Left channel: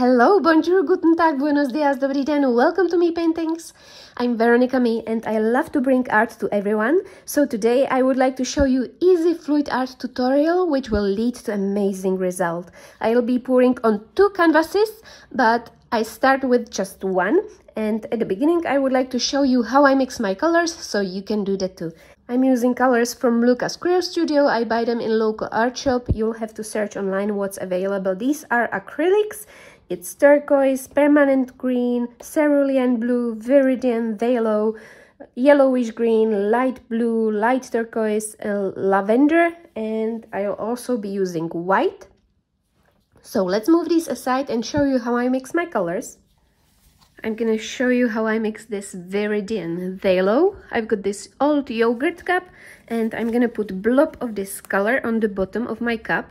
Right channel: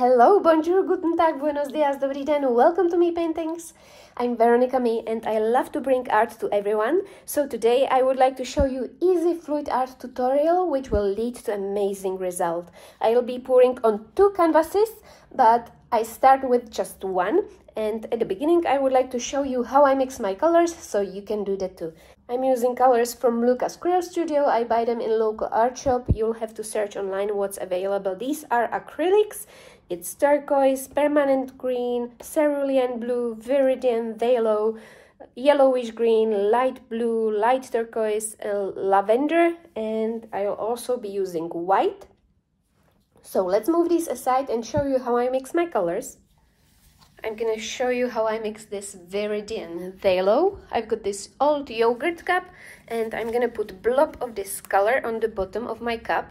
Hello, bonjour, guten tag, buenos dias, dobry den, welcome to Me Paintings. I'm Veronica May and I love to bring art to everyone. So today I would like to show you easy fluid art tutorial which will lead to amazing result. I'll be pouring on 2 canvases, but I start with just one. And at the beginning I would like to show you how I mix my colors so you can do that too. I'm using colors from Lucas Crew Studio. I buy them in local art shop. You'll have to search online what's available. These are acrylics. It's turquoise, permanent green, cerulean blue, viridian, phthalo, yellowish green, light blue, light turquoise, lavender, and I'll also be using white. So let's move these aside and show you how I mix my colors. I'm gonna show you how I mix this viridian phthalo. I've got this old yogurt cup and I'm gonna put a blob of this color on the bottom of my cup.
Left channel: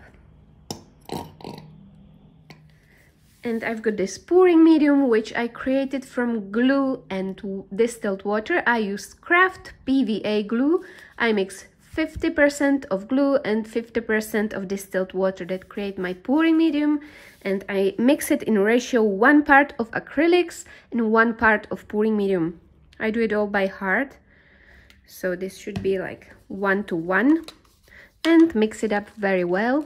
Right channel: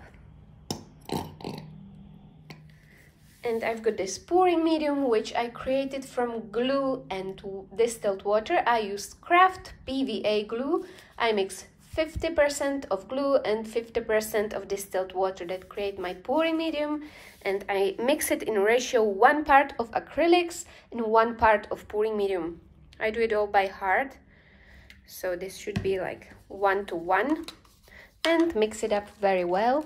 And I've got this pouring medium which I created from glue and distilled water. I used Craft PVA glue. I mix 50% of glue and 50% of distilled water that create my pouring medium, and I mix it in ratio 1 part of acrylics and 1 part of pouring medium. I do it all by heart, so this should be like 1 to 1, and mix it up very well.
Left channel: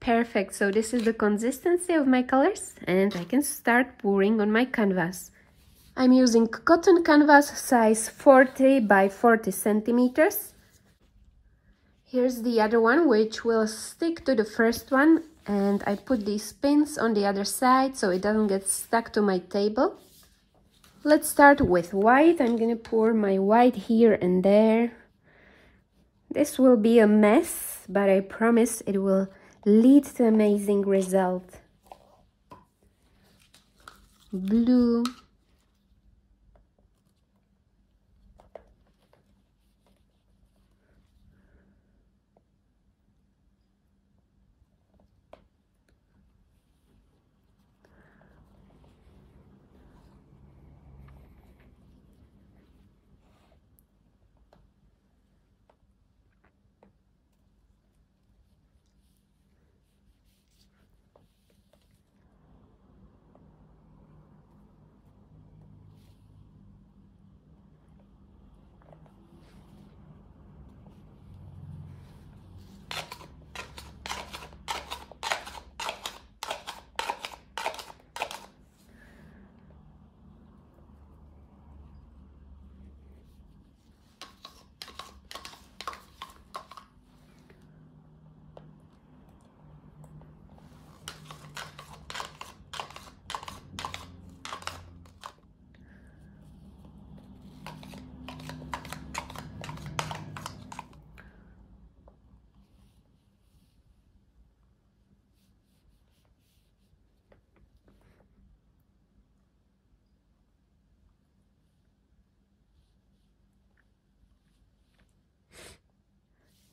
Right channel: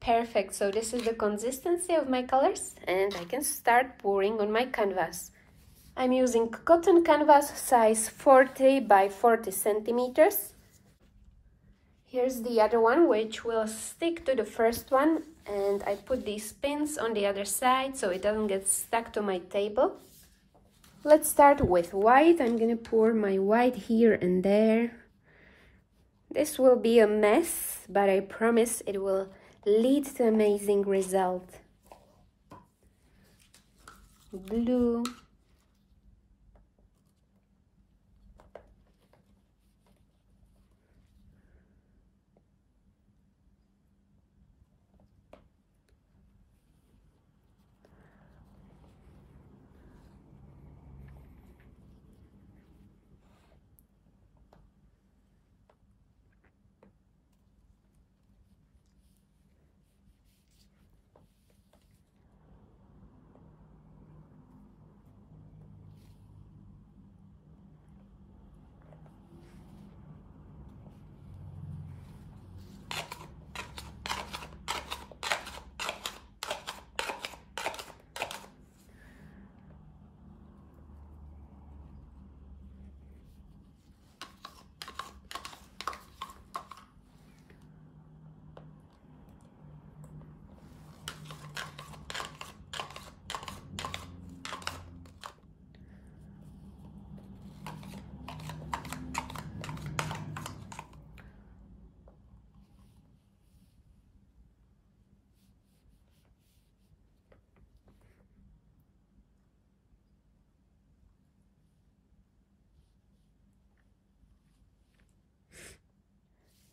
Perfect, so this is the consistency of my colors and I can start pouring on my canvas. I'm using cotton canvas size 40 by 40 centimeters. Here's the other one which will stick to the first one, and I put these pins on the other side so it doesn't get stuck to my table. Let's start with white. I'm gonna pour my white here and there. This will be a mess, but I promise it will lead to amazing result. Blue,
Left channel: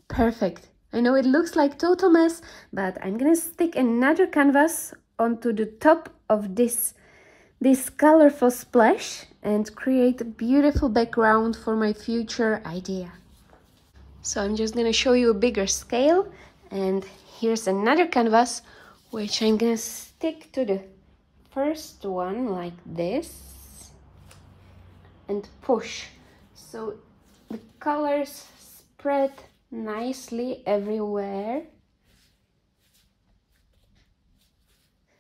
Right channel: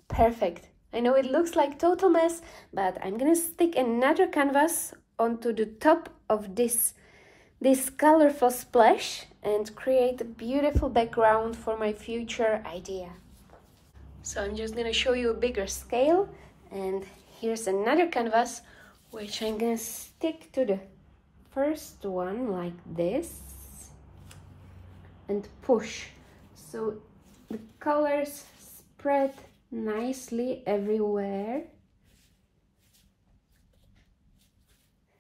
perfect. I know it looks like total mess, but I'm gonna stick another canvas onto the top of this colorful splash and create a beautiful background for my future idea. So I'm just gonna show you a bigger scale, and here's another canvas which I'm gonna stick to the first one like this and push so the colors spread nicely everywhere.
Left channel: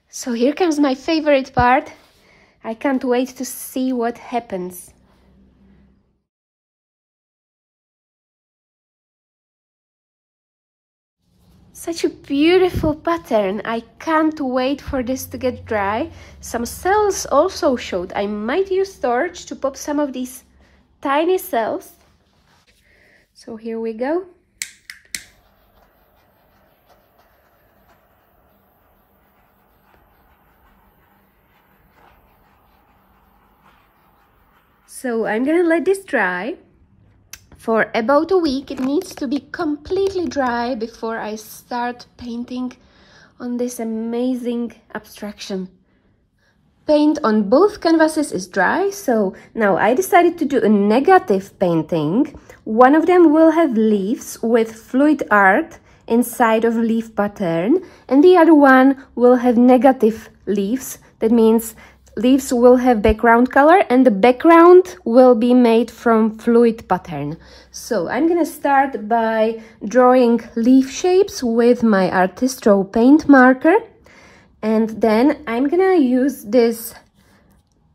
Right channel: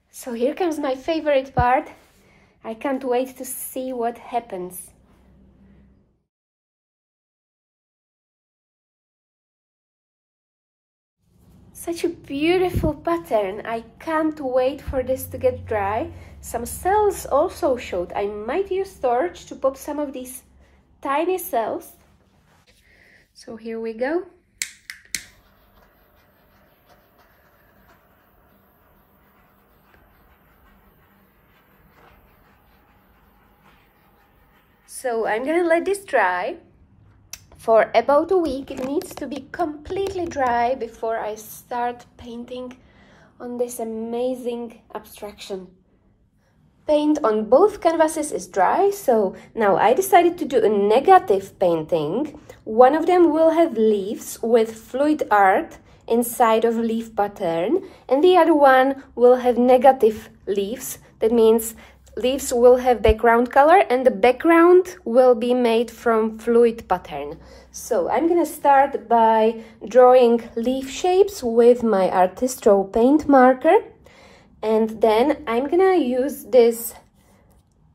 So here comes my favorite part. I can't wait to see what happens. Such a beautiful pattern. I can't wait for this to get dry. Some cells also showed. I might use torch to pop some of these tiny cells. So here we go. So I'm gonna let this dry for about a week. It needs to be completely dry before I start painting on this amazing abstraction. Paint on both canvases is dry, so now I decided to do a negative painting. One of them will have leaves with fluid art inside of leaf pattern, and the other one will have negative leaves. That means leaves will have background color, and the background will be made from fluid pattern. So I'm gonna start by drawing leaf shapes with my Artistro paint marker, and then I'm gonna use this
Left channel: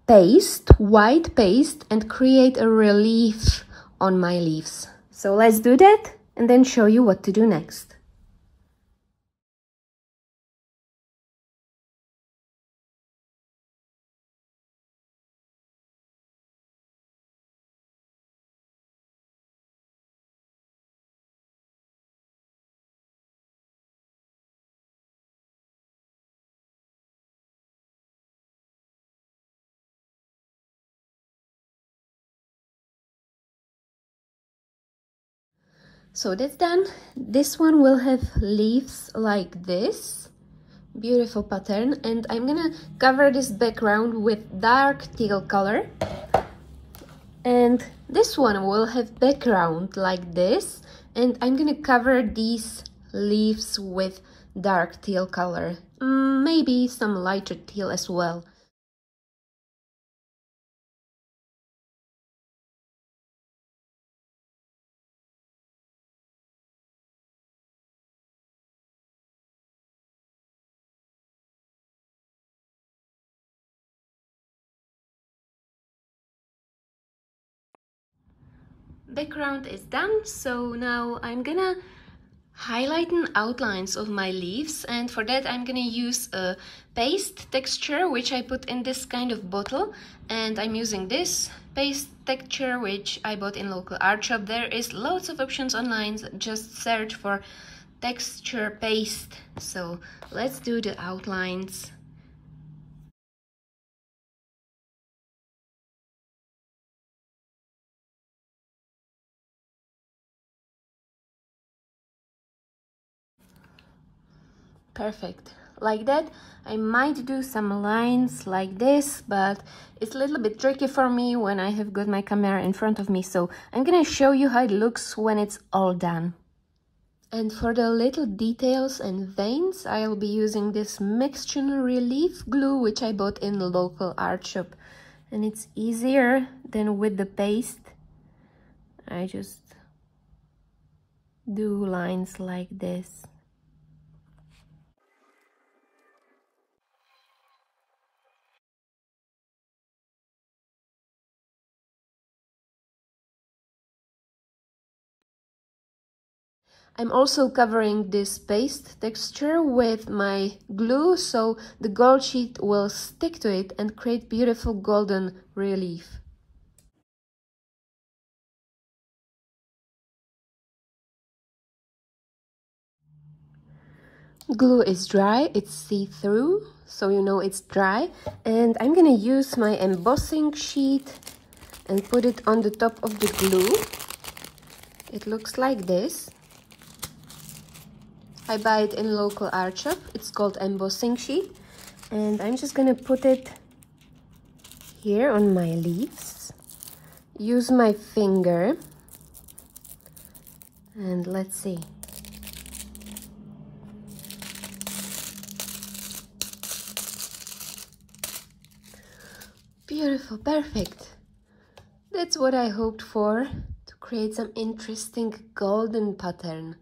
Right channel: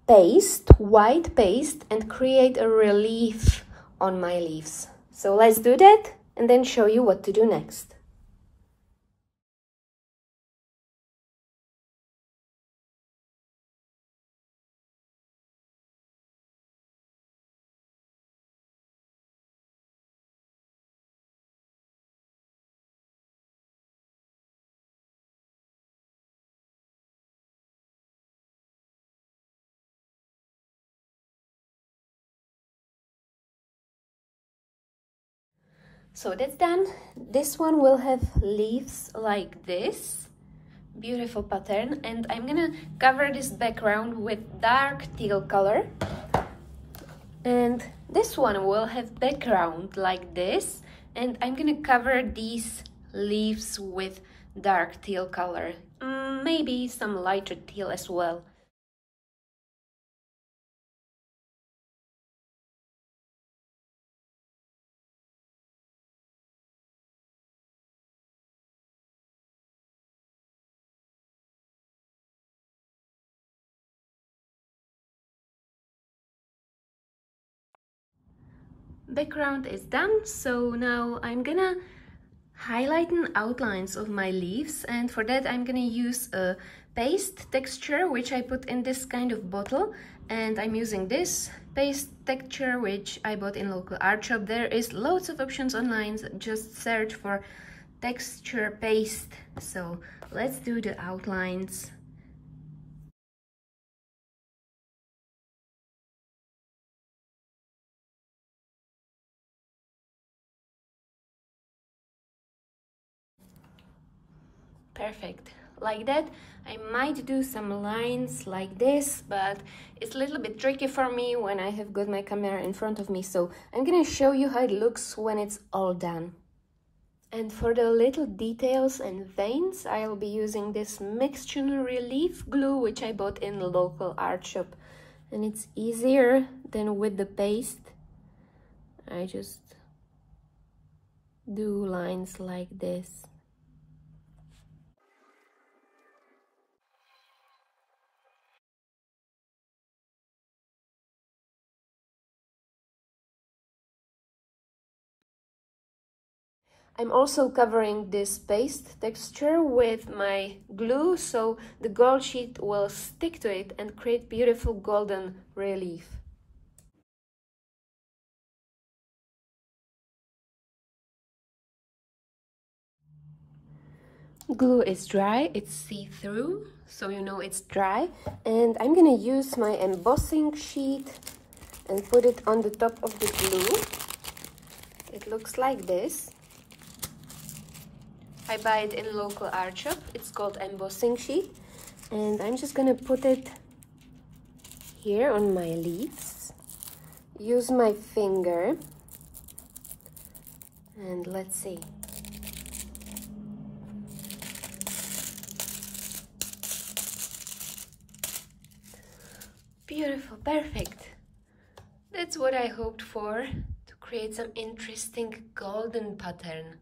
paste, white paste, and create a relief on my leaves. So let's do that and then show you what to do next. So that's done. This one will have leaves like this, beautiful pattern, and I'm gonna cover this background with dark teal color. And this one will have background like this, and I'm gonna cover these leaves with dark teal color, maybe some lighter teal as well. Background is done, so now I'm gonna highlighten outlines of my leaves, and for that I'm gonna use a paste texture which I put in this kind of bottle, and I'm using this paste texture which I bought in local art shop. There is loads of options online, just search for texture paste. So let's do the outlines. Perfect, like that. I might do some lines like this, but it's a little bit tricky for me when I have got my camera in front of me, so I'm gonna show you how it looks when it's all done. And for the little details and veins, I'll be using this mixture relief glue which I bought in the local art shop, and it's easier than with the paste. I just do lines like this. I'm also covering this paste texture with my glue, so the gold sheet will stick to it and create beautiful golden relief. Glue is dry, it's see-through, so you know it's dry, and I'm gonna use my embossing sheet and put it on the top of the glue. It looks like this. I buy it in local art shop. It's called embossing sheet, and I'm just gonna put it here on my leaves. Use my finger, and let's see. Beautiful, perfect. That's what I hoped for, to create some interesting golden pattern.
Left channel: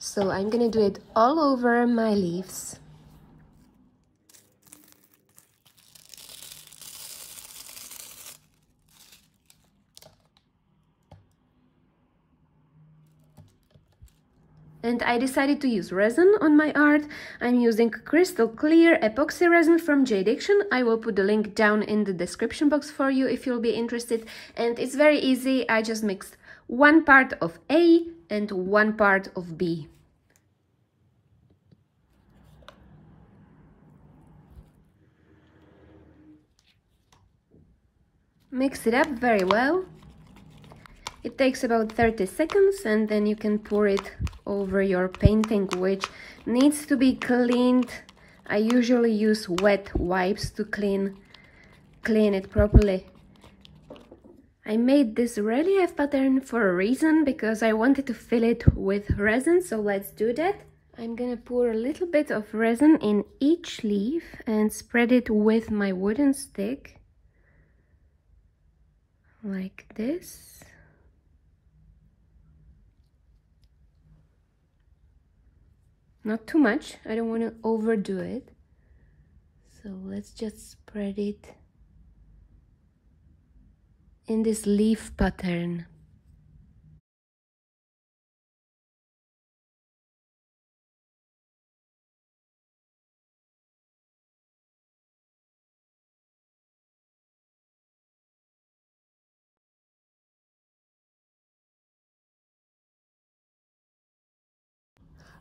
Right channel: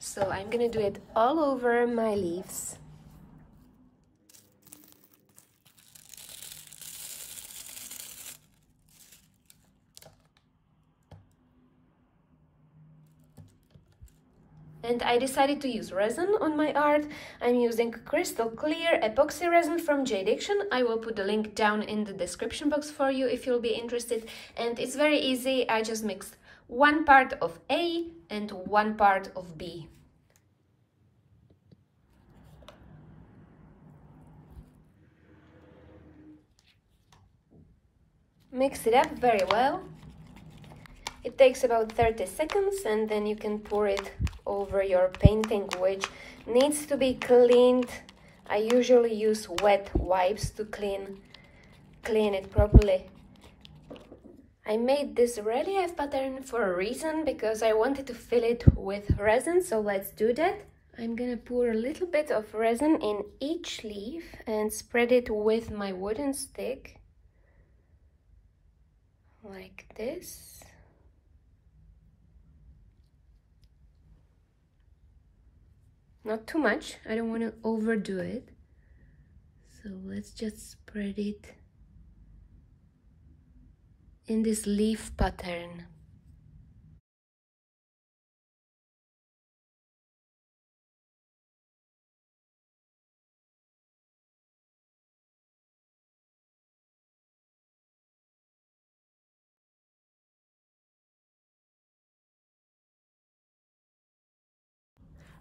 So I'm gonna do it all over my leaves. And I decided to use resin on my art. I'm using crystal clear epoxy resin from Jade Action. I will put the link down in the description box for you if you'll be interested. And it's very easy. I just mixed 1 part of A and 1 part of B. Mix it up very well. It takes about 30 seconds, and then you can pour it over your painting, which needs to be cleaned. I usually use wet wipes to clean it properly. I made this relief pattern for a reason, because I wanted to fill it with resin, so let's do that. I'm gonna pour a little bit of resin in each leaf and spread it with my wooden stick, like this. Not too much, I don't want to overdo it. So let's just spread it in this leaf pattern.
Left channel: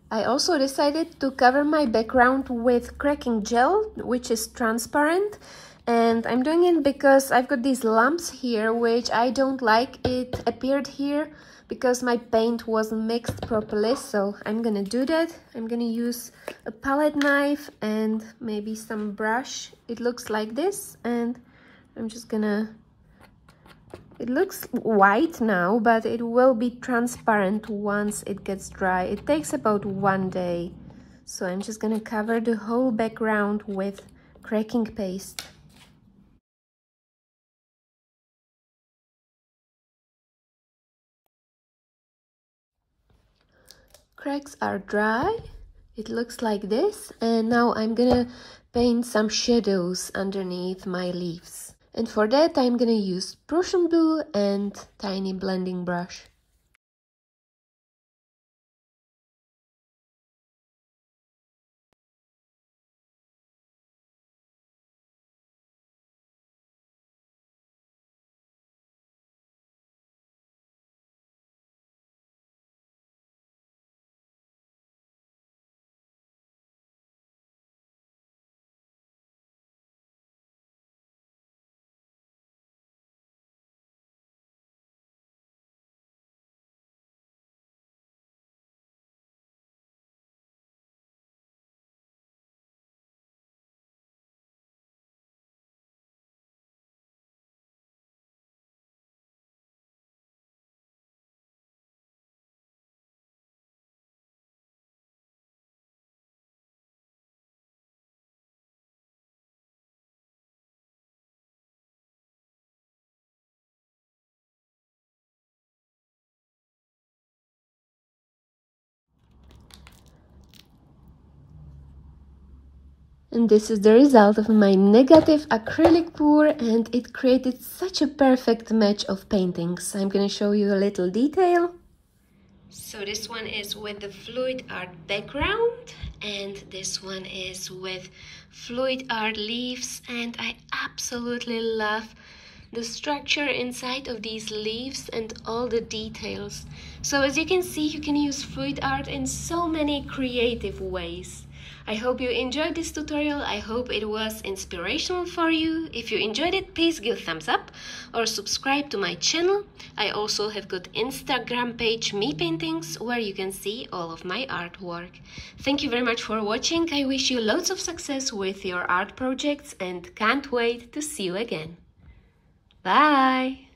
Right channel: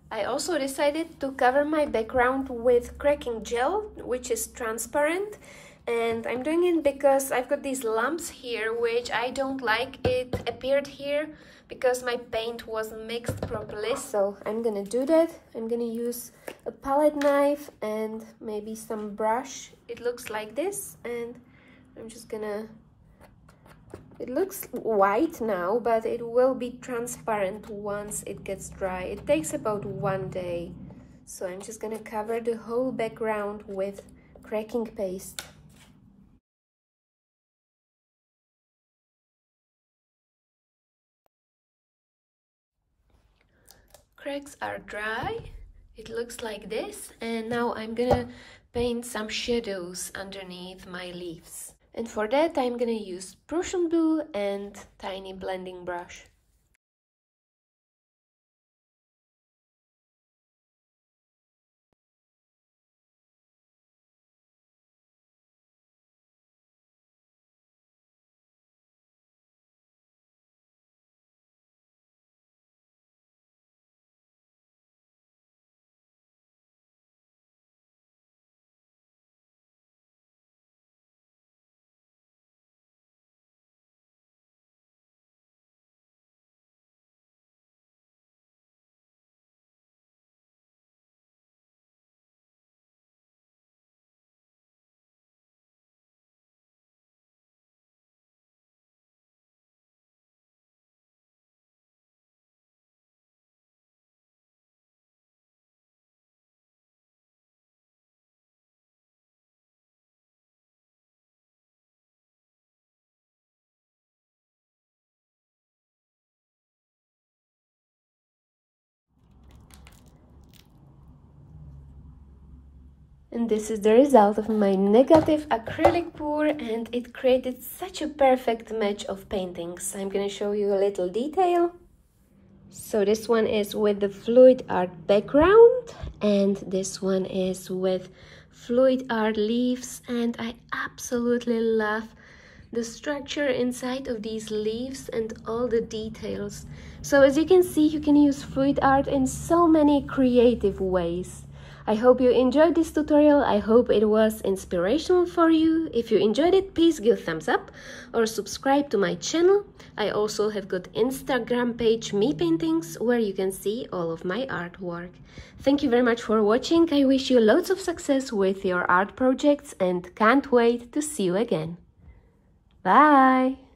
I also decided to cover my background with cracking gel, which is transparent, and I'm doing it because I've got these lumps here which I don't like. It appeared here because my paint wasn't mixed properly, so I'm gonna do that. I'm gonna use a palette knife and maybe some brush. It looks like this, and I'm just gonna... It looks white now, but it will be transparent once it gets dry. It takes about 1 day. So I'm just gonna cover the whole background with cracking paste. Cracks are dry. It looks like this, and now I'm gonna paint some shadows underneath my leaves. And for that I'm gonna use Prussian blue and tiny blending brush. And this is the result of my negative acrylic pour, and it created such a perfect match of paintings. I'm gonna show you a little detail. So this one is with the FLUIDART background, and this one is with FLUIDART leaves, and I absolutely love the structure inside of these leaves and all the details. So as you can see, you can use FLUIDART in so many creative ways. I hope you enjoyed this tutorial. I hope it was inspirational for you. If you enjoyed it, please give a thumbs up or subscribe to my channel. I also have got Instagram page Me Paintings, where you can see all of my artwork. Thank you very much for watching. I wish you loads of success with your art projects and can't wait to see you again. Bye!